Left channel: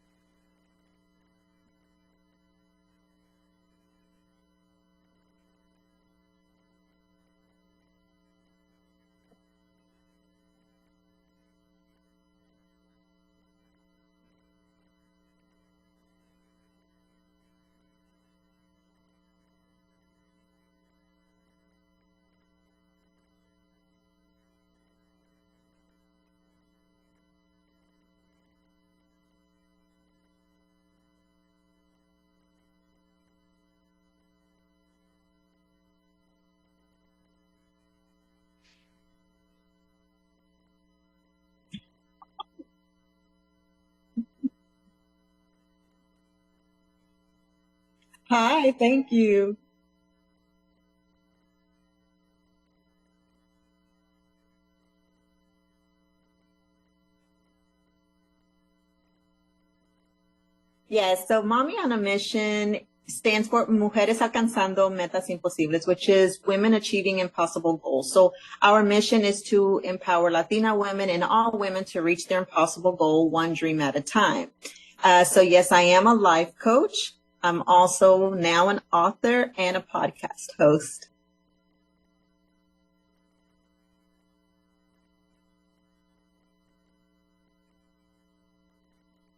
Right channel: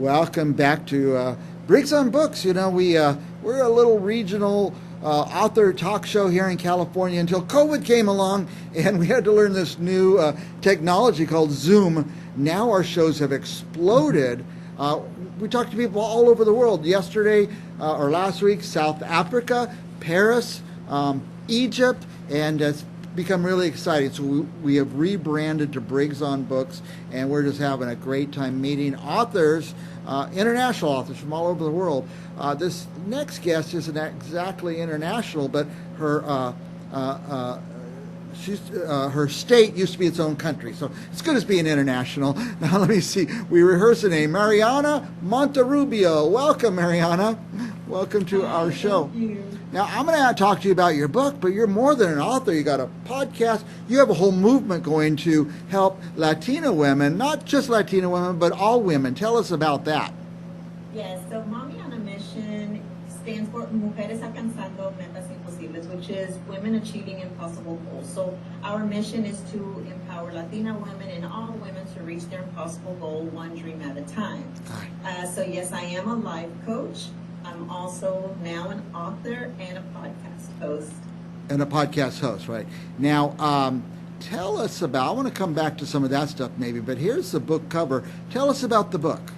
Welcome back to Briggs on Books. You know, we're a little regional author talk show here in California until COVID came along and we had to learn this new technology called Zoom. Now our shows have exploded. We talked to people all over the world. Yesterday or last week, South Africa, Paris, Egypt, and it's become really exciting. So we have rebranded to Briggs on Books, and we're just having a great time meeting authors, international authors from all over the world. This next guest isn't exactly international, but her her state used to be its own country, so it's good as being international. Now let me see. We rehearse a name. Mariana Monterrubio. Welcome, Mariana. Welcome to our show. Thank you. Now I'm going to talk to you about your book, but you're more than an author. You got a podcast. You have a whole movement going to help Latina women, not just Latina women, but all women. Tell us about that. Yes, so MAMI on a Mission stands for Mujeres Alcanzando Metas Imposibles, which is women achieving impossible goals. So our mission is to empower Latina women and all women to reach their impossible goal, one dream at a time. So yes, I am a life coach. I'm also now an author and a podcast host. And a podcast host, right. Now, tell us about, I want to come back to some of that stuff maybe, but here's the book cover. Tell us about the book.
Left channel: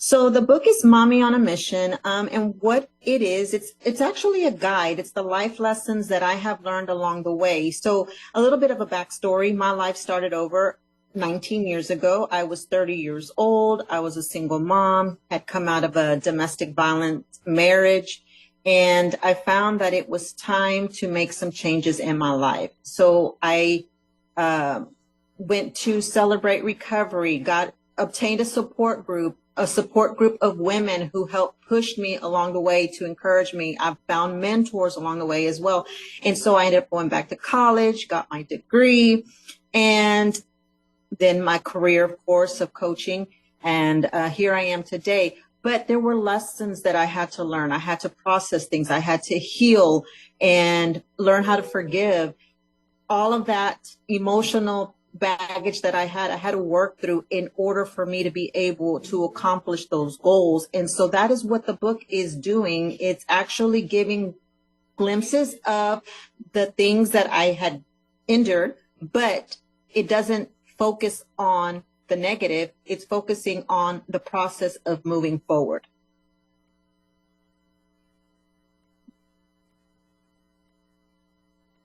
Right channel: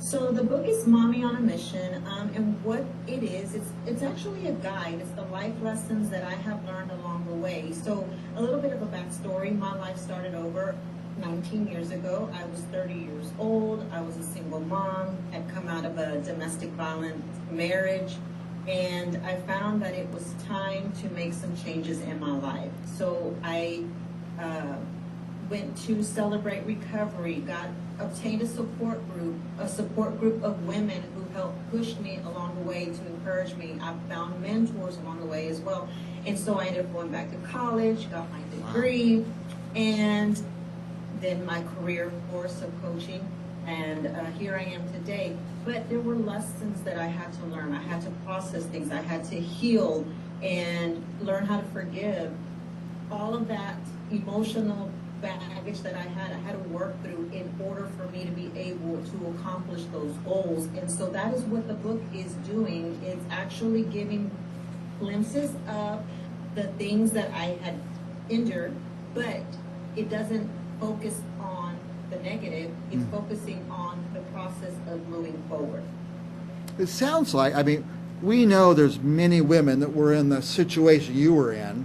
So the book is MAMI on a Mission, and what it is, it's actually a guide. It's the life lessons that I have learned along the way. So a little bit of a backstory. My life started over 19 years ago. I was 30 years old. I was a single mom, had come out of a domestic violence marriage, and I found that it was time to make some changes in my life. So I went to Celebrate Recovery, obtained a support group of women who helped push me along the way to encourage me. I've found mentors along the way as well. And so I ended up going back to college, got my degree, and then my career, of course, of coaching. And here I am today. But there were lessons that I had to learn. I had to process things. I had to heal and learn how to forgive. All of that emotional baggage that I had to work through in order for me to be able to accomplish those goals. And so that is what the book is doing. It's actually giving glimpses of the things that I had endured, but it doesn't focus on the negative. It's focusing on the process of moving forward. It sounds like, I mean, we know there's many women that were in the situation you were in,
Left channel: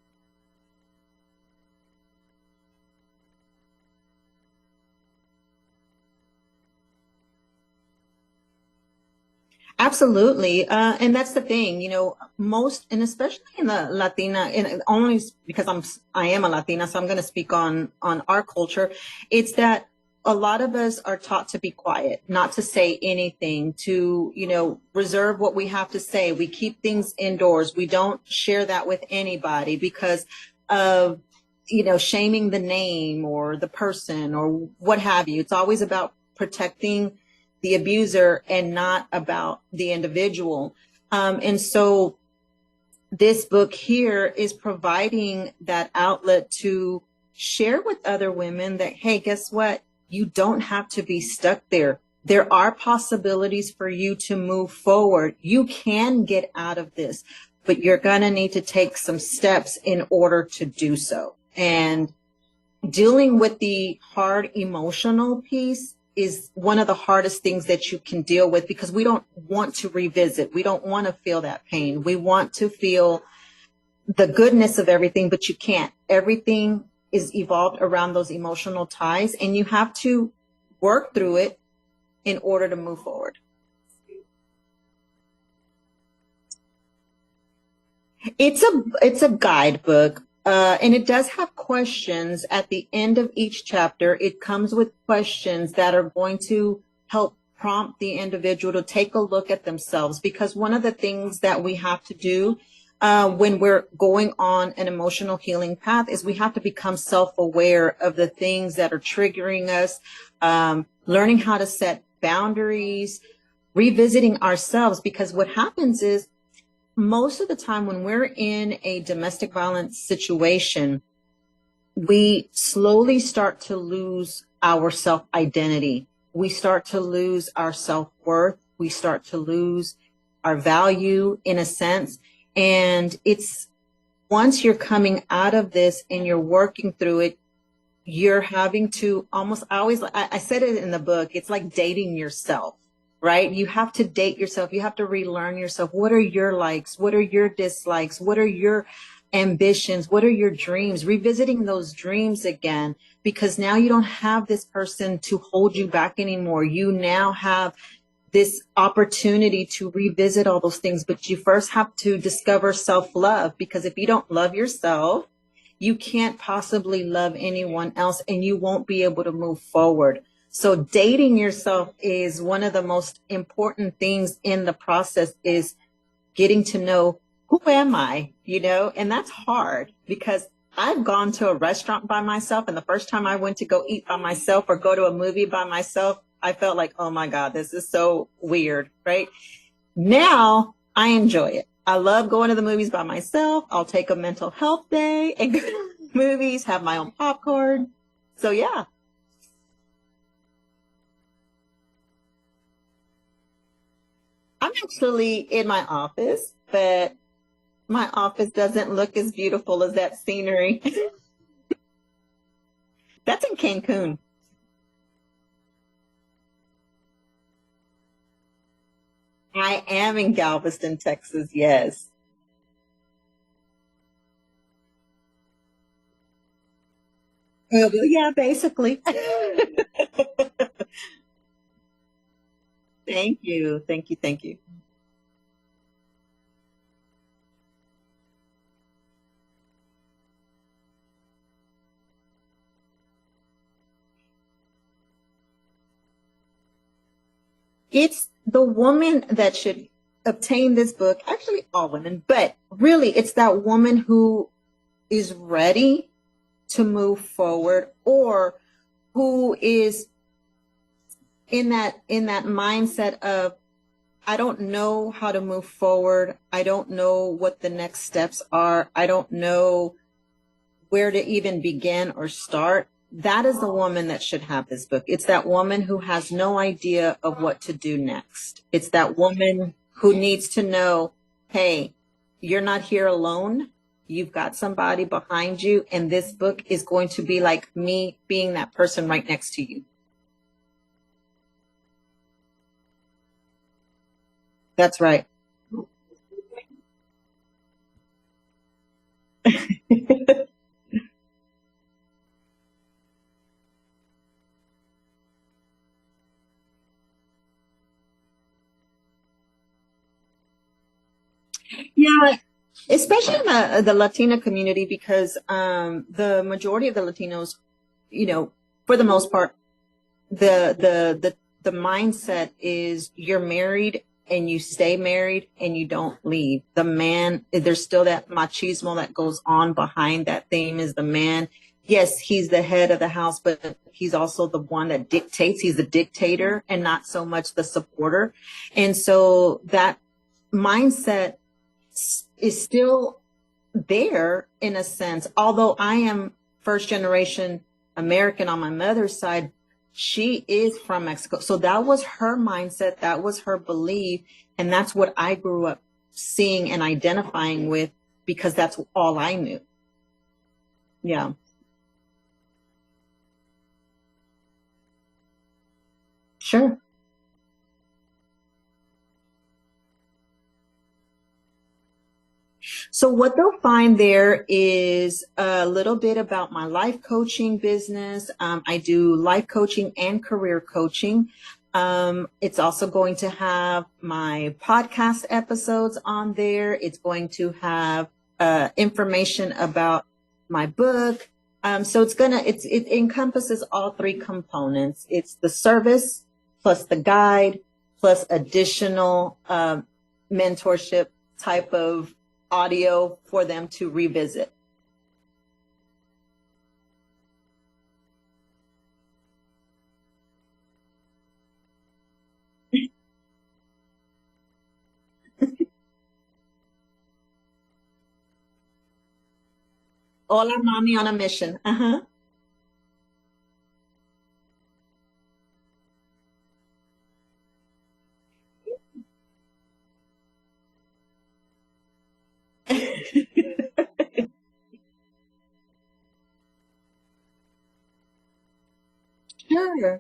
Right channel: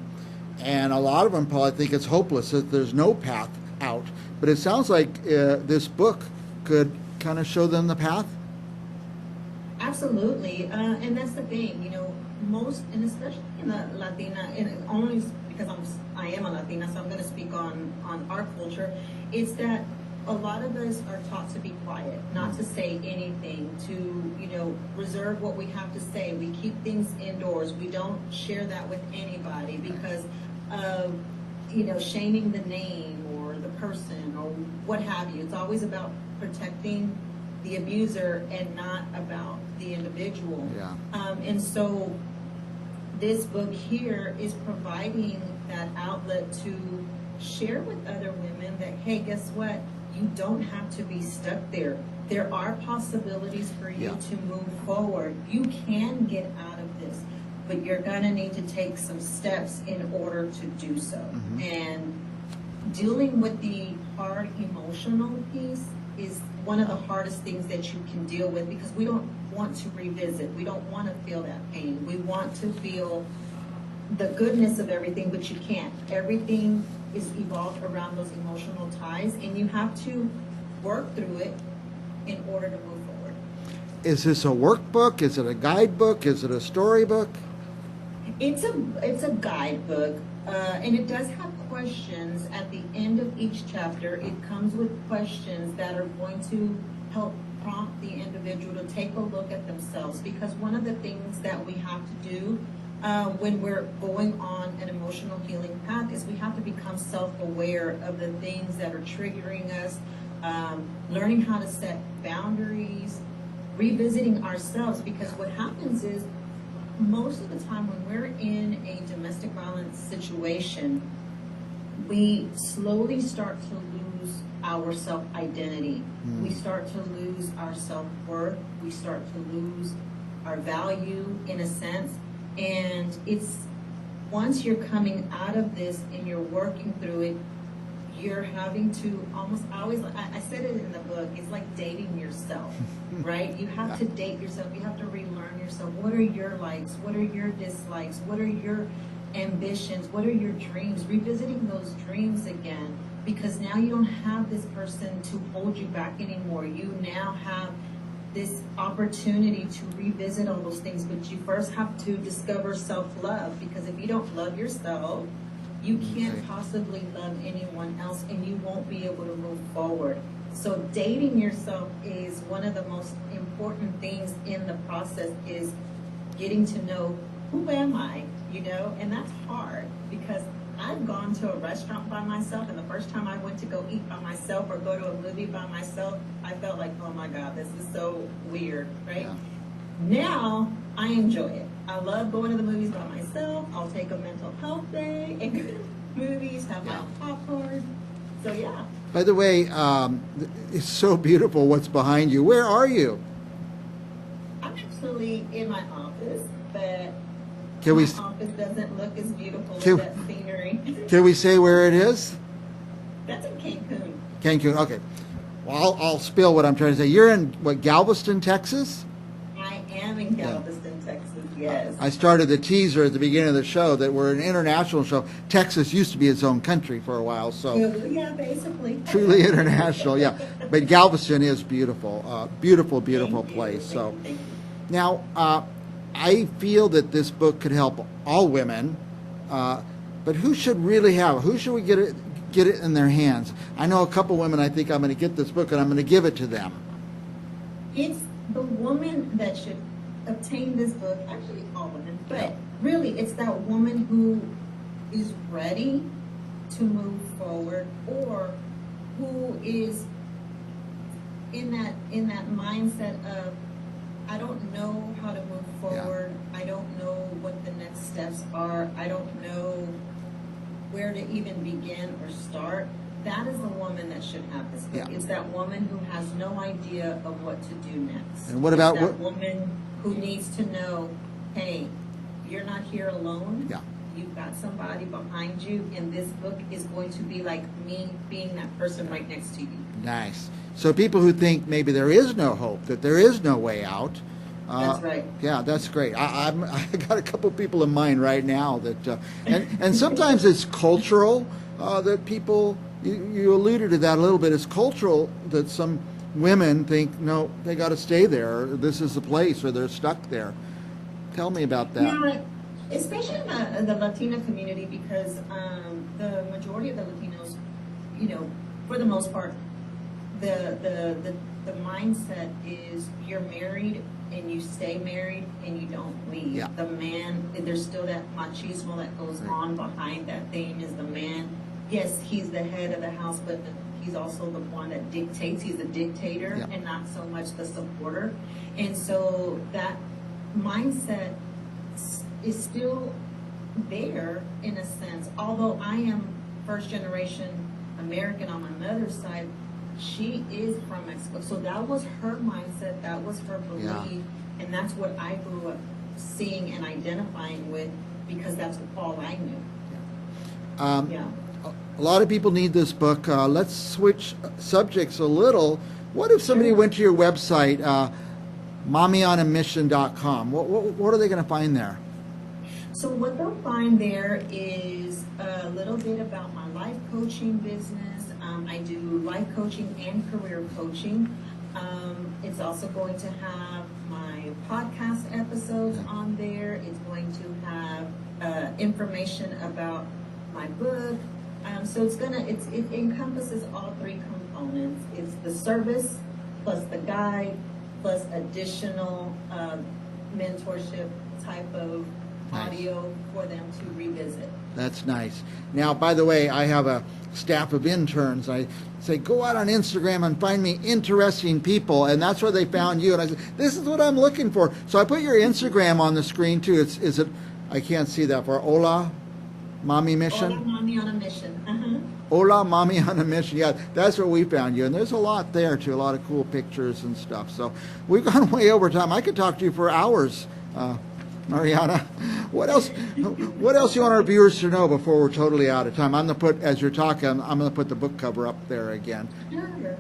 and a lot of them probably think it's hopeless, that there's no path out. But it sounds like this book could kind of show them the path. Absolutely. And that's the thing, you know, most, and especially in the Latina, and only because I am a Latina, so I'm going to speak on our culture. It's that a lot of us are taught to be quiet, not to say anything, to, you know, reserve what we have to say. We keep things indoors. We don't share that with anybody because of, you know, shaming the name or the person or what have you. It's always about protecting the abuser and not about the individual. Yeah. And so this book here is providing that outlet to share with other women that, hey, guess what? You don't have to be stuck there. There are possibilities for you to move forward. You can get out of this, but you're gonna need to take some steps in order to do so. And dealing with the hard emotional piece is one of the hardest things that you can deal with, because we don't want to revisit. We don't want to feel that pain. We want to feel the goodness of everything, but you can't. Everything is evolved around those emotional ties, and you have to work through it in order to move forward. Is this a workbook? Is it a guidebook? Is it a storybook? It's a guidebook. And it does have questions at the end of each chapter. It comes with questions that are going to help prompt the individual to take a look at themselves, because one of the things that we have to do when we're going on an emotional healing path is we have to become self-aware of the things that are triggering us, learning how to set boundaries, revisiting ourselves, because what happens is most of the time when we're in a domestic violence situation, we slowly start to lose our self-identity. We start to lose our self-worth. We start to lose our value in a sense. And it's once you're coming out of this and you're working through it, you're having to almost, I said it in the book, it's like dating yourself, right? You have to date yourself. You have to relearn yourself. What are your likes? What are your dislikes? What are your ambitions? What are your dreams? Revisiting those dreams again, because now you don't have this person to hold you back anymore. You now have this opportunity to revisit all those things, but you first have to discover self-love, because if you don't love yourself, you can't possibly love anyone else, and you won't be able to move forward. So dating yourself is one of the most important things in the process, is getting to know, who am I, and that's hard, because I've gone to a restaurant by myself, and the first time I went to go eat by myself or go to a movie by myself, I felt like, oh my God, this is so weird, right? Now I enjoy it. I love going to the movies by myself. I'll take a mental health day and go to movies, have my own popcorn. So yeah. By the way, it's so beautiful what's behind you. Where are you? I'm actually in my office, but my office doesn't look as beautiful as that scenery. Can we say where it is? That's in Cancun. Cancun, okay. Well, I'll spill what I'm trying to say. You're in, Galveston, Texas? I am in Galveston, Texas, yes. I started the teaser at the beginning of the show that we're an international show. Texas used to be its own country for a while, so. Yeah, basically. Truly international, yeah. But Galveston is beautiful. Beautiful place. Thank you. Now, I feel that this book could help all women, but who should really have it? Who should we get it in their hands? I know a couple women. I think I'm going to get this book and I'm going to give it to them. It's the woman that should obtain this book. Actually, all women, but really, it's that woman who is ready to move forward, or who is in that mindset of, I don't know how to move forward. I don't know what the next steps are. I don't know where to even begin or start. That is the woman that should have this book. It's that woman who has no idea of what to do next. And what about it's that woman who needs to know, hey, you're not here alone. Yeah. You've got somebody behind you, and this book is going to be like me being that person right next to you. Nice. So people who think maybe there is no hope, that there is no way out. That's right. Yeah, that's great. I got a couple people in mind right now that, and sometimes it's cultural that people. You alluded to that a little bit. It's cultural that some women think, no, they got to stay there. This is the place, or they're stuck there. Tell me about that. Yeah, especially in the Latina community, because the majority of the Latinos, for the most part, the mindset is you're married and you stay married and you don't leave. Yeah. The man, there's still that machismo that goes on behind that theme, is the man. Yes, he's the head of the house, but he's also the one that dictates. He's the dictator and not so much the supporter. And so that mindset is still there in a sense. Although I am first generation American on my mother's side, she is from Mexico. So that was her mindset. That was her belief. And that's what I grew up seeing and identifying with, because that's all I knew. A lot of people need this book. Let's switch subjects a little. What if somebody went to your website, MAMIonamission.com? What are they going to find there? So what they'll find there is a little bit about my life coaching business. I do life coaching and career coaching. It's also going to have my podcast episodes on there. It's going to have information about my book. So it encompasses all three components. It's the service plus the guide plus additional mentorship type of audio for them to revisit. That's nice. Now, by the way, I have a staff of interns. I say, go out on Instagram and find me interesting people, and that's where they found you. And I said, this is what I'm looking for. So I put your Instagram on the screen too. Is it? I can't see that far. MAMI mission? Hola, Mami on a Mission. Uh-huh. Hola, Mami on a Mission. Yeah, that's where we found you. And there's a lot there, too, a lot of cool pictures and stuff. So we've gone way over time. I could talk to you for hours, Mariana. What else What else do you want our viewers to know before we're totally out of time? I'm going to put, as you're talking, I'm going to put the book cover up there again. Sure.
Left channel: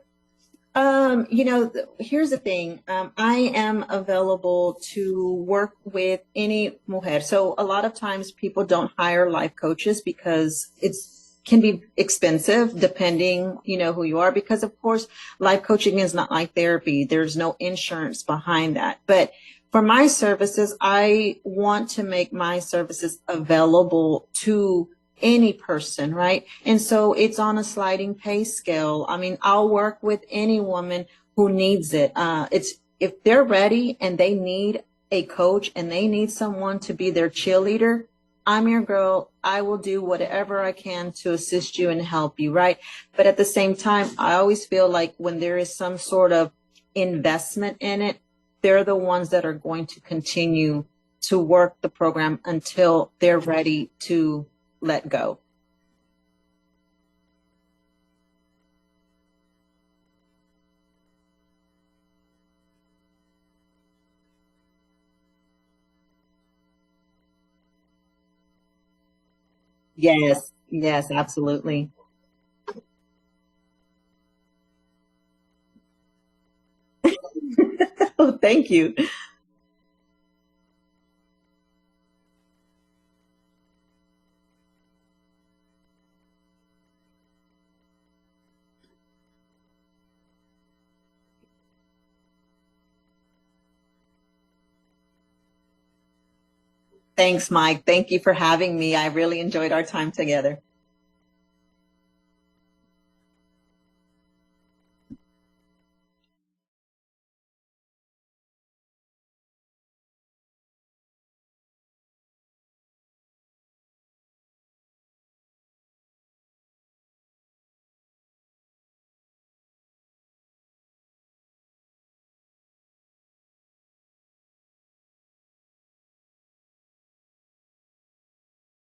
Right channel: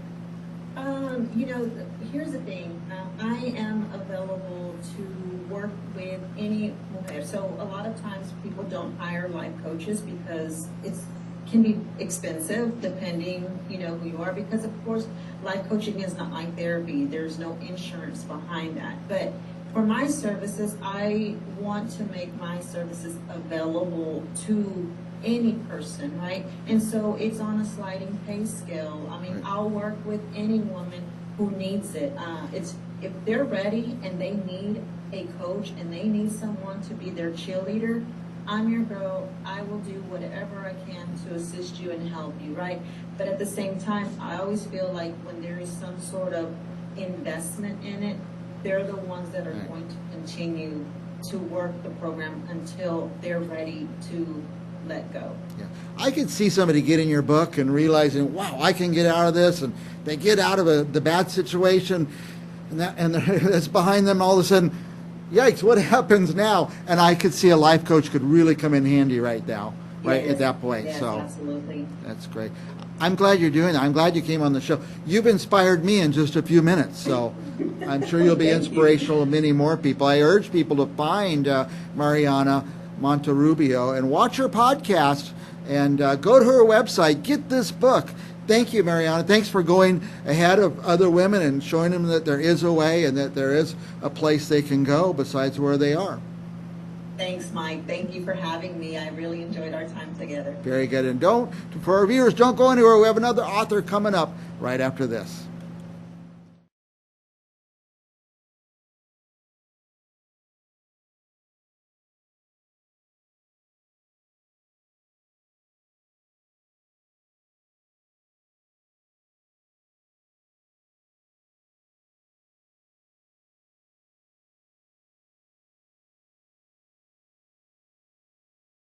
Here's the thing. I am available to work with any mujer. So a lot of times people don't hire life coaches because it's can be expensive depending, who you are, because of course life coaching is not like therapy. There's no insurance behind that. But for my services, I want to make my services available to any person, right? And so it's on a sliding pay scale. I mean, I'll work with any woman who needs it. It's if they're ready and they need a coach and they need someone to be their cheerleader, I'm your girl. I will do whatever I can to assist you and help you, right? But at the same time, I always feel like when there is some sort of investment in it, they're the ones that are going to continue to work the program until they're ready to let go. Yeah. I could see somebody getting your book and realizing, wow, I can get out of this, and they get out of the bad situation, and that's behind them. All of a sudden, yikes, what happens now? And I could see a life coach could really come in handy right now, right at that point. Yes, so, absolutely. That's great. I'm glad you're doing that. I'm glad you came on the show. You've inspired me in just a few minutes, so I'm sure you'll be inspirational to many more people. I urge people to find Mariana Monterrubio and watch her podcast and go to her website, get this book. Thank you, Mariana. Thanks for going ahead of other women and showing them that there is a way and that there is a place they can go besides where they are. Thanks, Mike. Thank you for having me. I really enjoyed our time together. Very good. And for our viewers, don't go anywhere. We have another author coming up right after this.